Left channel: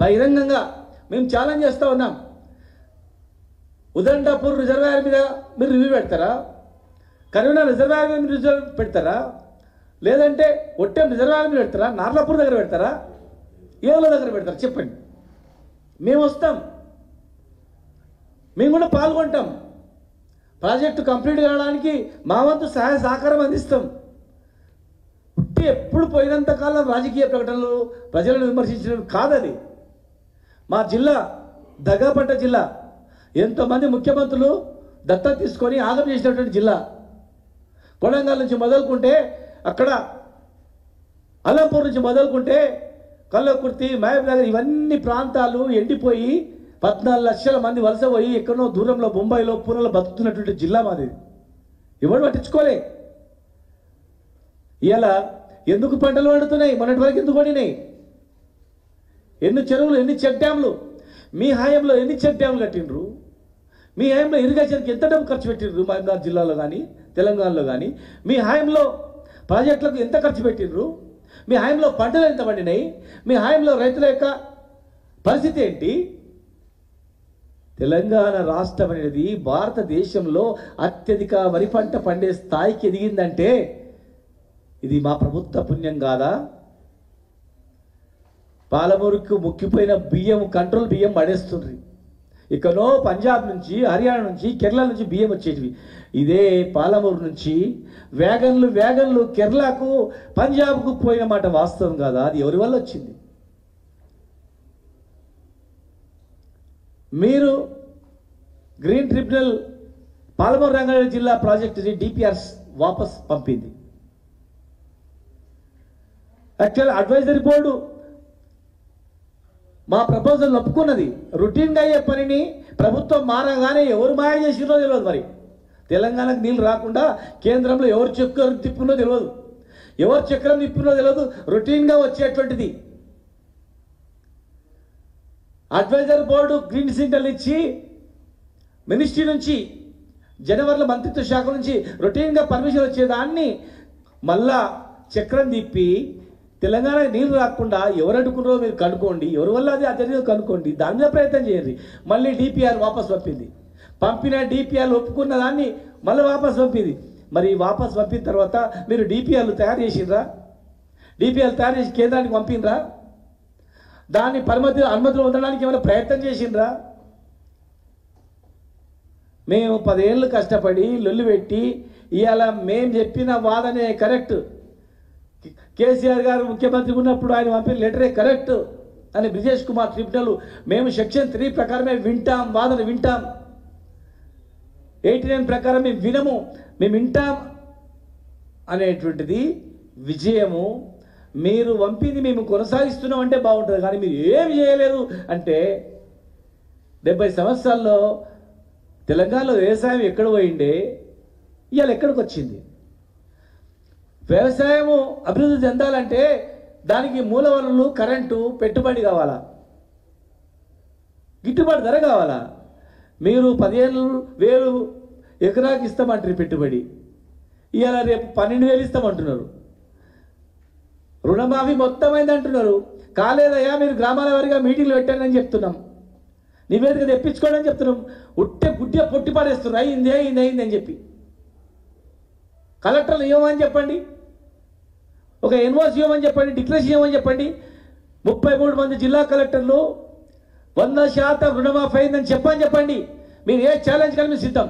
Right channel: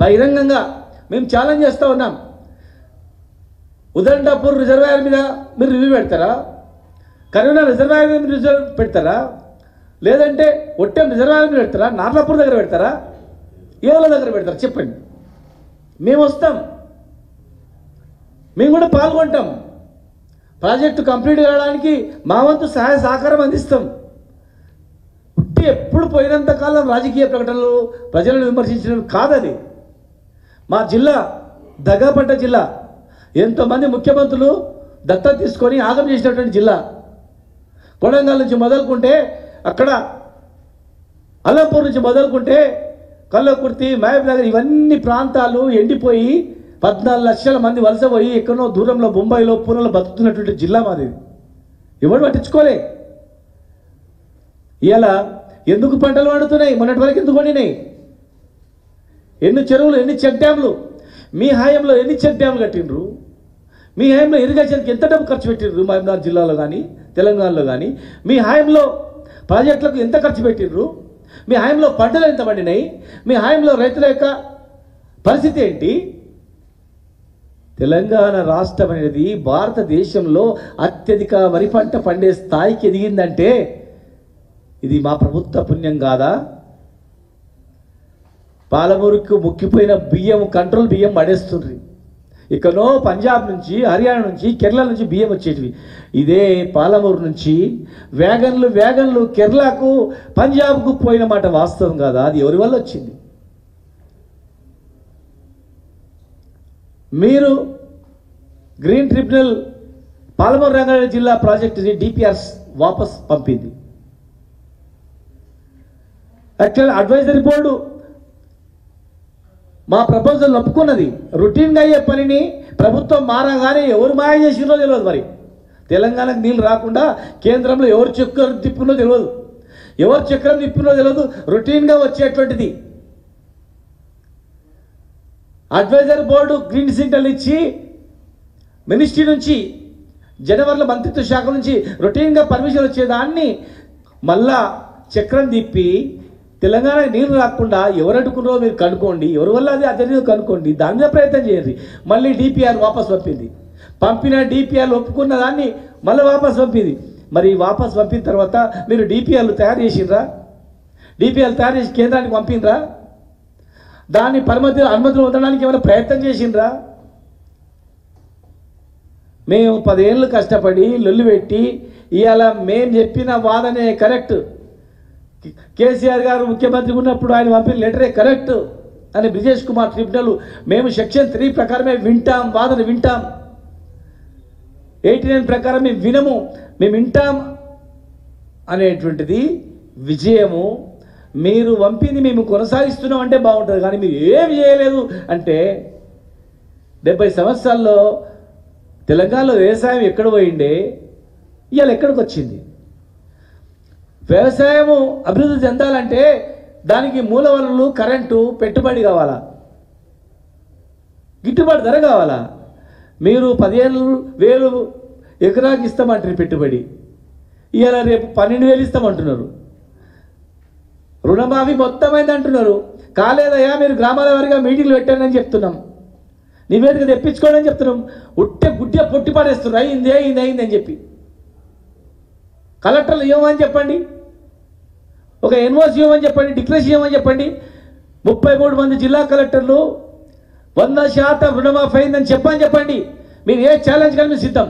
బహిరంగంగా మేము ఛాలెంజ్ చేస్తూ ఉన్నాం. ఉదండాపూర్ రిజర్వాయర్ మీద మీరు రివ్యూ పెడతారా? కరీంనగర్ రిజర్వాయర్ మీద మీరు రిజర్వ్ పెడతారా? లేదంటే ఒట్టెం రిజర్వాయర్ మీద పెడతారా? నార్లాపూర్ దగ్గర పెడతారా? ఏవల దగ్గర పెడతారా? చెప్పండి. మేము వస్తాం, మేము కూడా పాల్గొంటాం. ప్రాజెక్టు కంప్లీట్ కావడానికి మా వంతు సహాయ సహకారం అందిస్తాం. పుట్టి ఎప్పుడు పోయినంత కాలం రాజకీయ ప్రకటనలు ప్రజలను విమర్శించడం కాదది. మా జిల్లా దగాపడ్డ జిల్లా, ఎంతోమంది ముఖ్యమంత్రులు దత్తత తీసుకొని ఆగం చేసినటువంటి జిల్లా. కొడంగల్ నుంచి మొదలుకుంటే అక్కడ అల్లంపూర్ నుంచి మొదలుకుంటే కల్లకుర్తి, మహబూబ్ నగర్ ఇవన్నీ ప్రాంతాలు ఎండిపోయి 14 లక్షల మంది వలస పోయి ఎక్కడో దూరంలో బొంబాయిలో పూణేలో బతుకుతున్నటువంటి జిల్లా మాది. ఎవరు పట్టించుకోలే. ఇలా ఎందుకు పంటలు పండుతున్నాయి? మొన్నటి వరకు ఎందుకు పండినాయి? ఎన్ని చెరువులు, ఎన్ని చెక్ డ్యామ్లు? మీ హయాంలో ఎన్ని చెక్ డ్యామ్లు కట్టిండ్రు? మీ హయాంలో ఇరిగేషన్కి ఎంత డబ్బు ఖర్చు పెట్టిండ్రు? మహబూబ్నగర్ జిల్లాలో కానీ తెలంగాణలో కానీ మీ హయాంలో ప్రాజెక్టులకు ఎంత ఖర్చు పెట్టిండ్రు? మీ హయాంలో పంటలు ఎంత పండినాయి? మీ హయాంలో రైతుల యొక్క పరిస్థితి ఏంటి? తెలంగాణ రాష్ట్రం అనేది భారతదేశంలో అత్యధిక వరి పంట పండే స్థాయికి ఎదిగిందంటే ఇది మా ప్రభుత్వ పుణ్యం కాదా? పాలమూరుకు ముక్కిపోయిన బియ్యం, కంట్రోల్ బియ్యం పడేస్తుండ్రి. ఇకనో పంజాబ్ నుంచి, హర్యానా నుంచి, కేరళ నుంచి బియ్యం వచ్చేటివి. ఇదే పాలమూరు నుంచి వ్యాగన్లు కేరళకు, పంజాబ్కు పోయిన మాట వాస్తవం కాదా? అది ఎవరి వల్ల వచ్చింది? మీరు గ్రీన్ ట్రిబ్యునల్ పాలమూరు రంగారెడ్డి జిల్లా ప్రాజెక్టుని డిపిఆర్స్ వాపస్ పంపింది. యాక్చువల్ అడ్వైజరీ బోర్డు మా ప్రపోజల్ ఒప్పుకున్నది. రొటీన్గా అయ్యే పనిని ప్రభుత్వం మారగానే ఎవరు మాయ చేసినో తెలియదు. మరి తెలంగాణకు నీళ్ళు రాకుండా కేంద్రంలో ఎవరు చక్రం తిప్పునో తెలియదు, ఎవరు చక్రం తిప్పునో తెలియదు. రొటీన్గా వచ్చేటువంటిది. అడ్వైజరీ బోర్డు గ్రీన్ సిగ్నల్ ఇచ్చి మినిస్ట్రీ నుంచి, జనవరిలో మంత్రిత్వ శాఖ నుంచి రొటీన్గా పర్మిషన్ వచ్చేదాన్ని మళ్ళా చక్రం తిప్పి తెలంగాణకి నీళ్ళు రాకుండా ఎవరు అడ్డుకున్నారో మీరు కనుక్కోండి, ఎవరి వల్ల అది జరిగిందో కనుక్కోండి, దాని మీద ప్రయత్నం చేయండి. మళ్ళీ డిపిఆర్ వాపస్ పంపింది. పంపిన డిపిఆర్లు ఒప్పుకున్న దాన్ని మళ్ళీ వాపస్ పంపింది. మరి వాపస్ పంపిన తర్వాత మీరు డిపిఆర్లు తయారు చేసిండ్రా? డిపిఆర్లు తయారు చేసి కేంద్రానికి పంపినరా? దాన్ని అనుమతులు పొందడానికి ఏమైనా ప్రయత్నం చేసిండ్రా? మేము 10 ఏళ్ళు కష్టపడి లొల్లు పెట్టి ఇవాళ మేము చెప్పిన వాదనే కరెక్ట్, కేసీఆర్ గారు ముఖ్యమంత్రి ఉన్నప్పుడు ఆయన పంపిన లెటరే కరెక్ట్ అని బ్రిజేష్ కుమార్ ట్రిబ్యునల్ మేము సెక్షన్ 3 ప్రకారమే వింటాం, వాదన వింటాం. 89 ప్రకారం మేము వినము, మేము వింటాం అనేటువంటిది విజయము. మీరు పంపింది మేము కొనసాగిస్తున్నాం అంటే బాగుంటుంది, కానీ మీరు ఏమి చేయలేదు అంటే 70 సంవత్సరాల్లో తెలంగాణలో వ్యవసాయం ఎక్కడ పోయిండే, ఇవాళ ఎక్కడికి వచ్చింది? వ్యవసాయము అభివృద్ధి చెందాలంటే దానికి మూల వనరులు, కరెంటు, పెట్టుబడి కావాలా, గిట్టుబాటు ధర కావాలా. మీరు 15,000 ఎకరాకి ఇస్తామంటారు పెట్టుబడి, ఇవాళ రేపు 12,000 ఇస్తామంటున్నారు. రుణమాఫీ మొత్తం అయింది అంటున్నారు. కాలేదయ్యా, మీరు గ్రామాల వారిగా మీటింగ్లు పెట్టారని చెప్తున్నాం, నివేదిక తెప్పించుకోండి అని చెప్తున్నాం. గుడ్డే పొట్టి పడేస్తున్నారు, అయింది అని చెప్పి. కలెక్టర్లు ఇవ్వమని చెప్పండి, ఒక ఎన్ఓసి ఇవ్వమని చెప్పండి, డిక్లరేషన్ ఇవ్వమని చెప్పండి. 33 మంది జిల్లా కలెక్టర్లు 100% రుణమాఫీ అయిందని చెప్పండి. మీరు ఏ ఛాలెంజ్ కానీ మీరు సిద్ధం.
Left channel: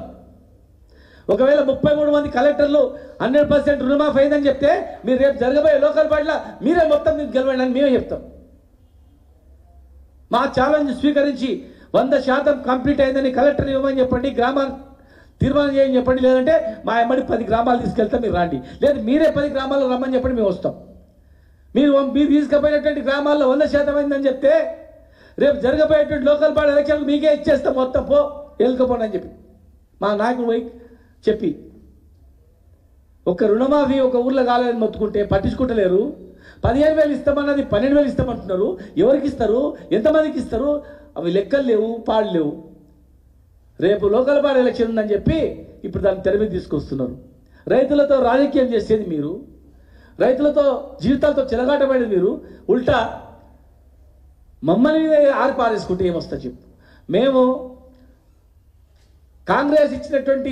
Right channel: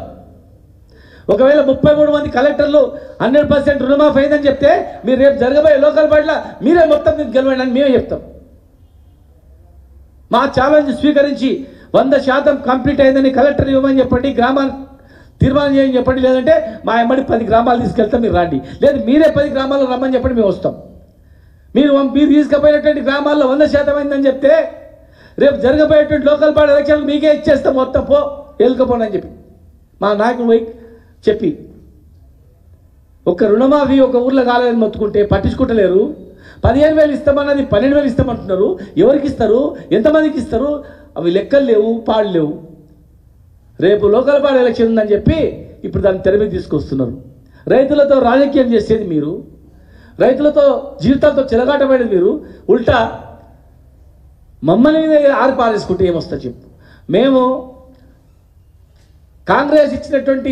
ఒకవేళ 33 మంది కలెక్టర్లు 100% రుణమాఫీ అయిందని చెప్తే మీరు రేపు జరగబోయే లోకల్ బాడీలో మీరే మొత్తం గెలవండి అని మేమే చెప్తాం. మా ఛాలెంజ్ స్వీకరించి 100% కంప్లీట్ అయిందని కలెక్టర్ ఇవ్వమని చెప్పండి, గ్రామాన్ని తీర్మానం చేయని చెప్పండి. లేదంటే మా ఎమ్మడి 10 గ్రామాలు తీసుకెళ్తాం, మీరు రండి. లేదు మీరే 10 గ్రామాలు రమ్మని చెప్పండి, మేము వస్తాం. మీరు తీసుకుపోయినటువంటి గ్రామాల్లో 100% అయిందని చెప్తే రేపు జరగబోయేటువంటి లోకల్ బాడీ ఎలక్షన్లు మీకే ఇచ్చేస్తాం, మొత్తం వెళ్ళకపోండి అని చెప్పి మా నాయకుడు పోయి చెప్పి. ఒక రుణమాఫీ ఒక ఊర్లో కాలేదని మొత్తుకుంటే పట్టించుకుంటలేరు. 15,000 ఇస్తామన్నది 12,000 ఇస్తామంటున్నారు. ఎవరికి ఇస్తారు, ఎంతమందికి ఇస్తారు? అవి లెక్కలు లేవు, పాడు లేవు. రేపు లోకల్ బాడీ ఎలక్షన్ ఉందని చెప్పి ఇప్పుడు దాన్ని తెర మీద తీసుకొస్తున్నారు. రైతులతో రాజకీయం చేసేది మీరు, రైతులతో జీవితాలతో చెలగాటమైనది మీరు. ఉల్టా మమ్మల్ని ఆరిపారేసుకుంటే ఏమొస్తా చెప్పు. మేము కాంగ్రెస్ ఇచ్చినటువంటి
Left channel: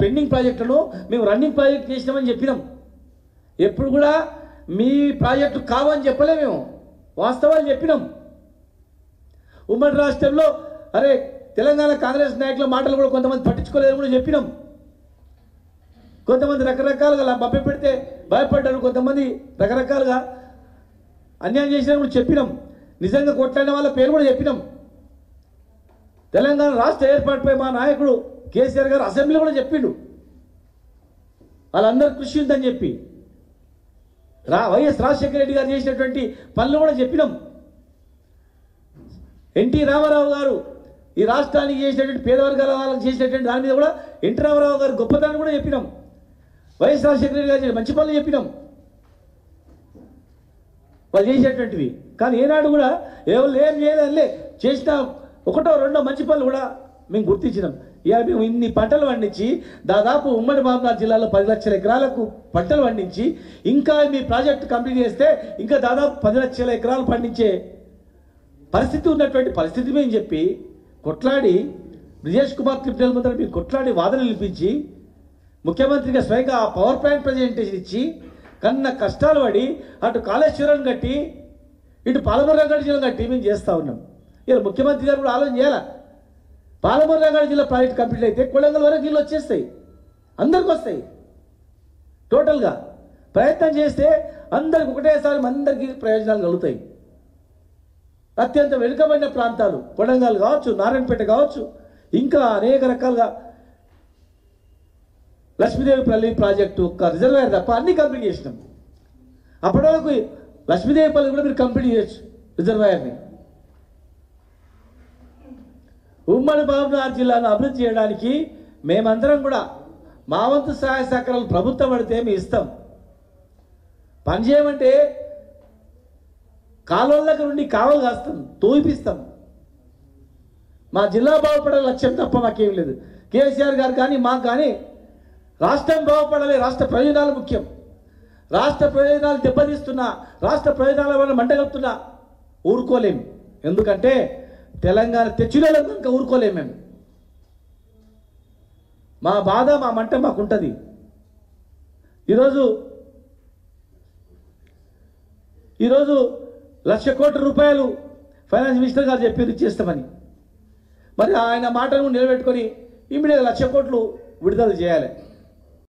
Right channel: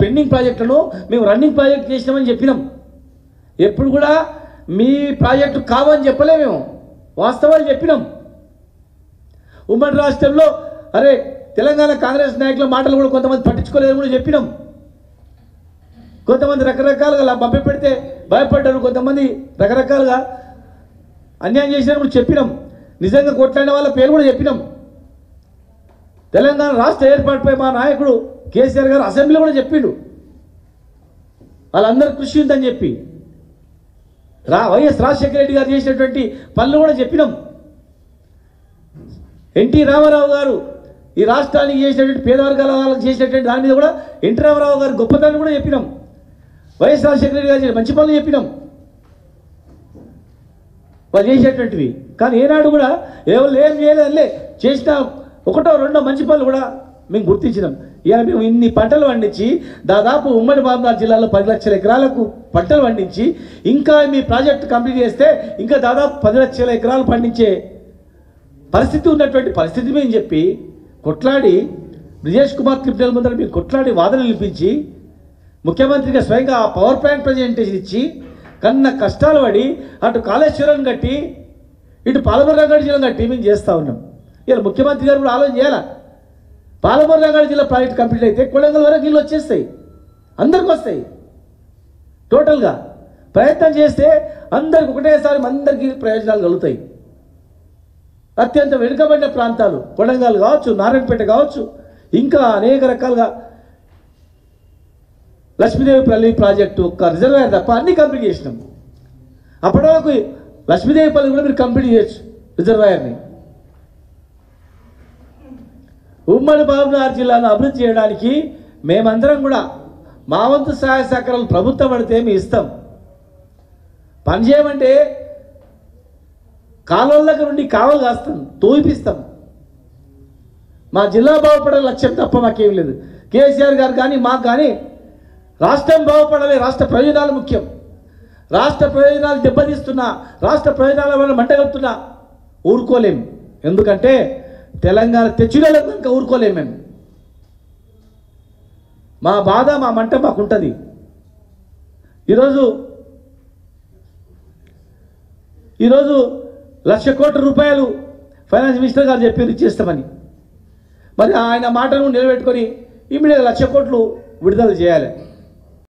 పెండింగ్ ప్రాజెక్టులను మేము రన్నింగ్ ప్రాజెక్ట్ చేసినామని చెప్పినాం. ఎప్పుడు కూడా మీ ప్రాజెక్టు కావని చెప్పలే, మేము వాస్తవాలు చెప్పినాం. ఉమ్మడి రాష్ట్రంలో అరే తెలంగాణ కాంగ్రెస్ నాయకుల మాటలు కూడా కొంతమంది పట్టించుకోలేదని కూడా చెప్పినాం. కొంతమంది రకరకాలుగా మభ్య పెడితే భయపడ్డారు, కొంతమంది రకరకాలుగా అన్యాయం చేసినా కూడా చెప్పినాం. నిజంగా కొట్లాడిన వాళ్ళ పేరు కూడా చెప్పినాం. తెలంగాణ రాష్ట్ర ఏర్పాటుపై మా నాయకుడు కేసీఆర్ గారు అసెంబ్లీలో కూడా చెప్పిండు వాళ్ళందరూ కృషి ఉందని చెప్పి. వైఎస్ రాజశేఖర రెడ్డి గారు చేసినటువంటి పనులు కూడా చెప్పినాం. ఎన్టీ రామారావు గారు ఈ రాష్ట్రానికి చేసినటువంటి పేద వర్గాల వాళ్ళకి చేసినటువంటి దాని మీద కూడా ఎన్టీ రామారావు గారు గొప్పతనాన్ని కూడా చెప్పినాం. వైఎస్ రాజశేఖర రెడ్డి గారు మంచి పనులు చెప్పినాం వాళ్ళు చేసేటువంటివి. కానీ ఏనాడు కూడా ఎవరు ఏం చేయలేదులే, చేసిన ఒకటో రెండో మంచి పనులు కూడా మేము గుర్తించినాం. ఇక మేము ఇన్ని పంటలు పండించి దాదాపు ఉమ్మడి మహబూబాబాద్ జిల్లాలో 10 లక్షల ఎకరాలకు పంటలు పండించి ఇంకా మీ ప్రాజెక్టు కంప్లీట్ చేస్తే ఇంకా దాదాపు 10 లక్షల ఎకరాలు పండించే పరిస్థితి ఉన్నటువంటి పరిస్థితి మేము చెప్పి కొట్లాడి బ్రిజేష్ కుమార్ ట్రిబ్యునల్ ముందర మీరు కొట్లాడి వాదనలు నిలిపించి ముఖ్యమంత్రిగా స్వయంగా పవర్ ప్లాంట్ ప్రజెంటేషన్ ఇచ్చి కన్నా కష్టాలు పడి అటు కాళేశ్వరం కట్టి ఇటు పాలమూరు రంగారెడ్డి జిల్లా కట్టి మేము చేస్తూ ఉన్నాం. ఇలా ముఖ్యమంత్రి గారు కూడా ఆలోచన చేయాలా. పాలమూరు రంగారెడ్డి జిల్లా ప్రాజెక్ట్ కంప్లీట్ అయితే కొడంగల్ వరకు నీళ్ళు వచ్చేస్తాయి, అందరికి వస్తాయి. టోటల్గా ప్రయత్నం చేస్తే అందరికి ఒకటేసారి అందరికీ ప్రయోజనాలు కలుగుతాయి. అత్యంత వెనుకబడిన ప్రాంతాలు కొడంగల్ కావచ్చు, నారాయణపేట కావచ్చు, ఇంకా అనేక రకాలుగా లక్ష్మీదేవిపల్లి ప్రాజెక్టు ఒక్క రిజర్వాయర్ తప్ప అన్ని కంప్లీట్ చేసినాం. అప్పటి వరకు లక్ష్మీదేవిపల్లి కూడా మీరు కంప్లీట్ చేయొచ్చు రిజర్వాయర్ని. ఉమ్మడి మహబూబాబాద్ జిల్లాను అభివృద్ధి చేయడానికి మేమందరం కూడా మా వంతు సహాయ సహకారాలు ప్రభుత్వం పడితే మేము ఇస్తాం. పని చేయమంటే కాలువల దగ్గర నుండి కావలు కాస్తాం, తోయిపిస్తాం. మా జిల్లా బాగుపడే లక్ష్యం తప్ప మాకేం లేదు. కేసీఆర్ గారు కానీ మాకు కానీ రాష్ట్రం బాగుపడాలి, రాష్ట్ర ప్రయోజనాలు ముఖ్యం. రాష్ట్ర ప్రయోజనాలు దెబ్బతీస్తున్నా, రాష్ట్ర ప్రయోజనాల వల్ల మంటగలుపుతున్నా ఊరుకోలేం. ఎందుకంటే తెలంగాణ తెచ్చుకోలేము కనుక ఊరుకోలేము మేము. మా బాధ మా మంట మాకుంటుంది. ఈరోజు 1,00,000 కోట్ల రూపాయలు ఫైనాన్స్ మినిస్టర్ గారు చెప్పారు ఇచ్చేస్తామని. మరి ఆయన మాటను నిలబెట్టుకొని ఇమ్మీడియట్గా 1,00,000 కోట్లు విడుదల చేయాలి.